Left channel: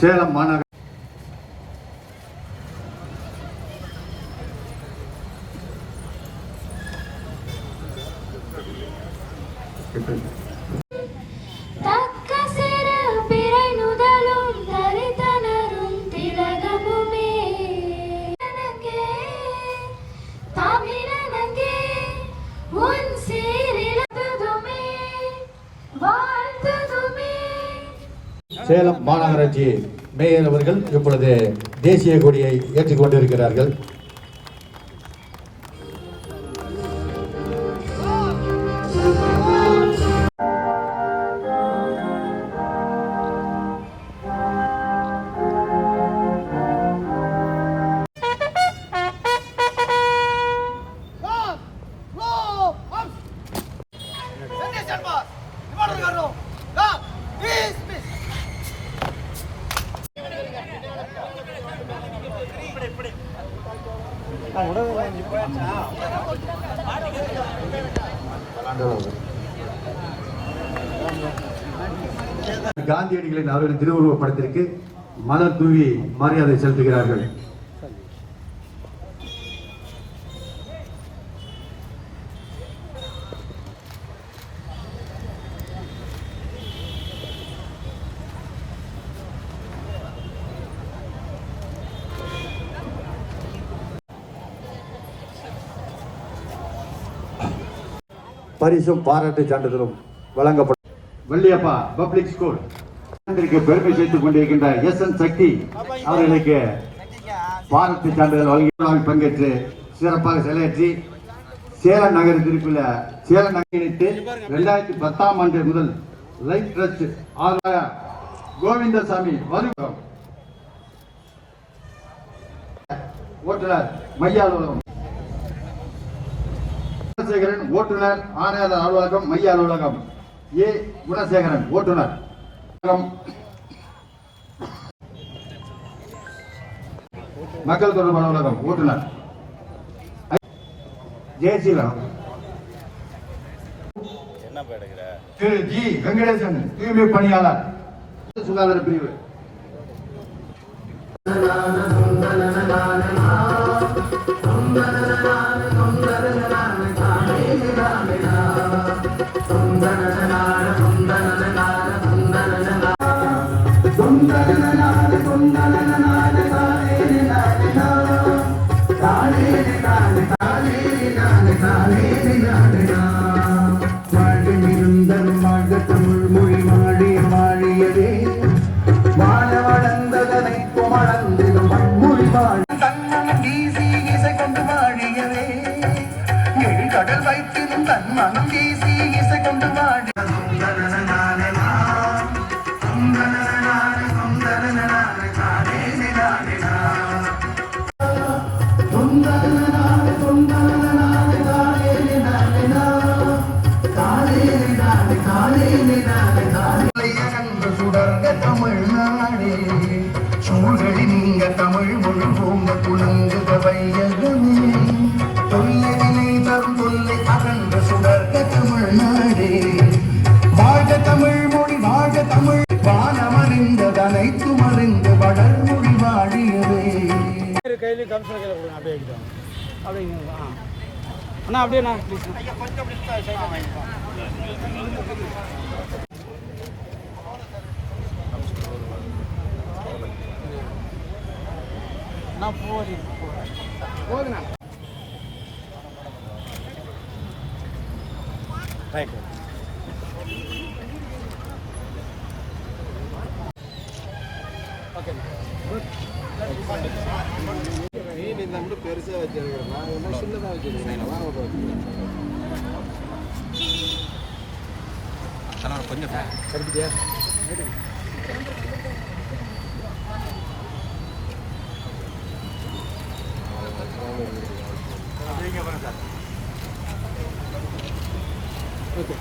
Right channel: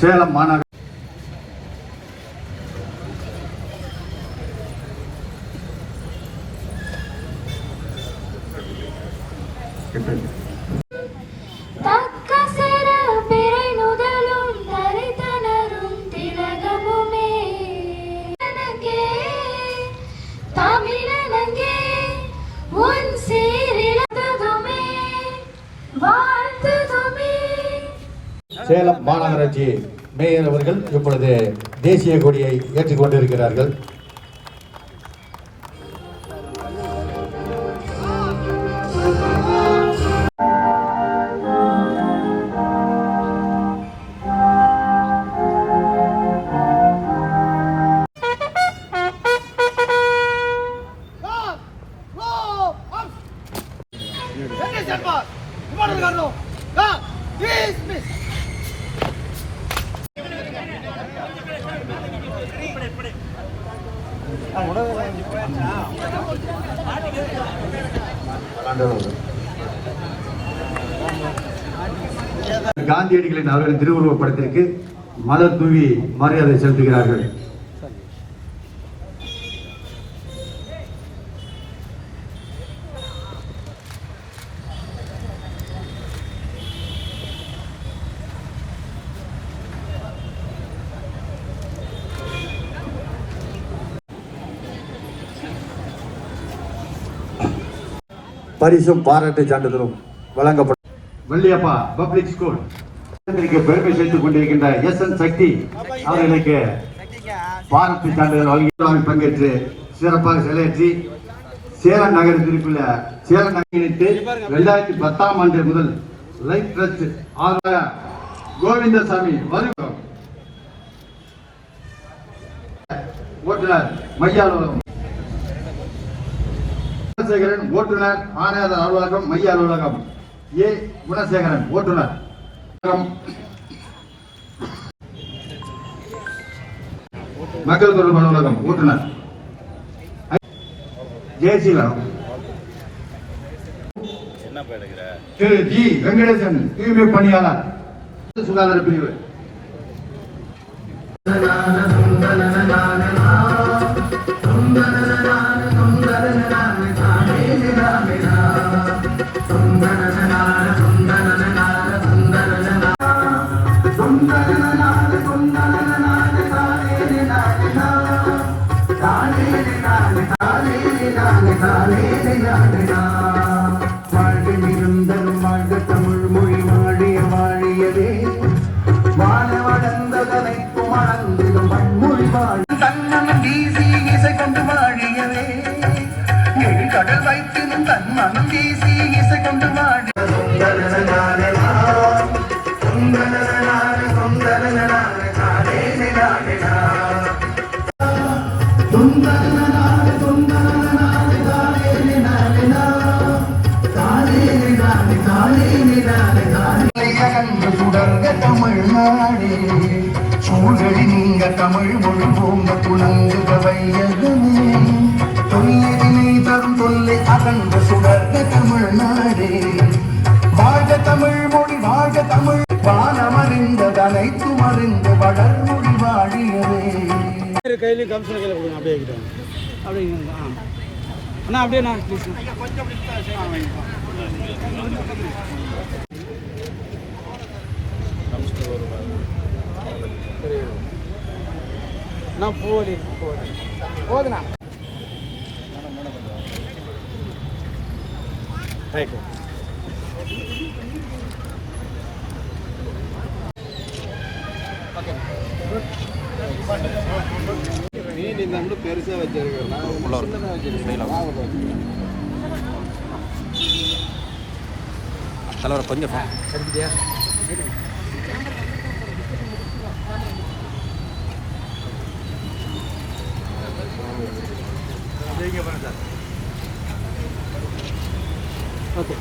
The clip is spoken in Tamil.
சேலம் மாநகர தக்க சேலம் மாநகராட்சி மேயர் அவர்கள் இப்பொழுது தேசிய கொடியை ஏற்றிக் கொண்டிருக்கிறார்கள். காந்தியடிகளின் அவர்கள் திருவுருவப் படத்திற்கு மத தூவி மரியாதை செலுத்துகிறார்கள். பரிசும் பாராட்டு சான்றிதழும் வழங்கப்படும். வள்ளியப்பா பப்ளிக் ஸ்கூல் பெருமை செய்து கொண்டிருக்கின்ற எஸ் என் சக்தி அவர்களுக்கு பாராட்டு சான்றிதழ் வழங்கி பங்கேற்று சிறப்பாக செயலாற்றி சேலம் நகரத்திற்குள்ள சேலம் நகரிட்டு ரெண்டாயிரத்தி பத்தாம் ஆண்டு முதல் லைஃப் ட்ரஸ்ட் ஆக கோவிந்தசாமி வருகிறோம் ஓட்டுநர் மையாளம் குணசேகரன் ஓட்டுநர் ஆணையாளர் அலுவலகம் மைய அலுவலகம். ஏ. குணசேகரன் ஓட்டுநர். மக்கள் தொடர்பு அலுவலகம் ஓட்டுநர். ஜெயசீலன் திரு ஜி. வெங்கடேசன் தூய்மை பணியாளர். சுகாதார பிரிவு. கடல் வைத்தினும் தன் மனம் வீசி இசை கொண்டு வாழி நீங்க தமிழ் மொழி பூங்க துளுங்குக வையகமே தொல்லைவினை தரும் தொல்லை அகன்று சுடர்க தமிழ்நாடே வாழ்க தமிழ் மொழி வாழ்க தமிழ் வானமறிந்தது அனைத்தும் அறிந்து வளர்மொழி வாழியவே. கையிலையும் கம்சன் கையில் கொடுங்க அப்படியே கிட்ட அப்படிங்க ஆ. அண்ணா அப்படியே அண்ணா. Please Anna Bodi Bodi. போதுண்ணா. Thank you மீன் தான் பெருசாக வச்சிருக்கேன் தலைவர கொஞ்சம் ஓகே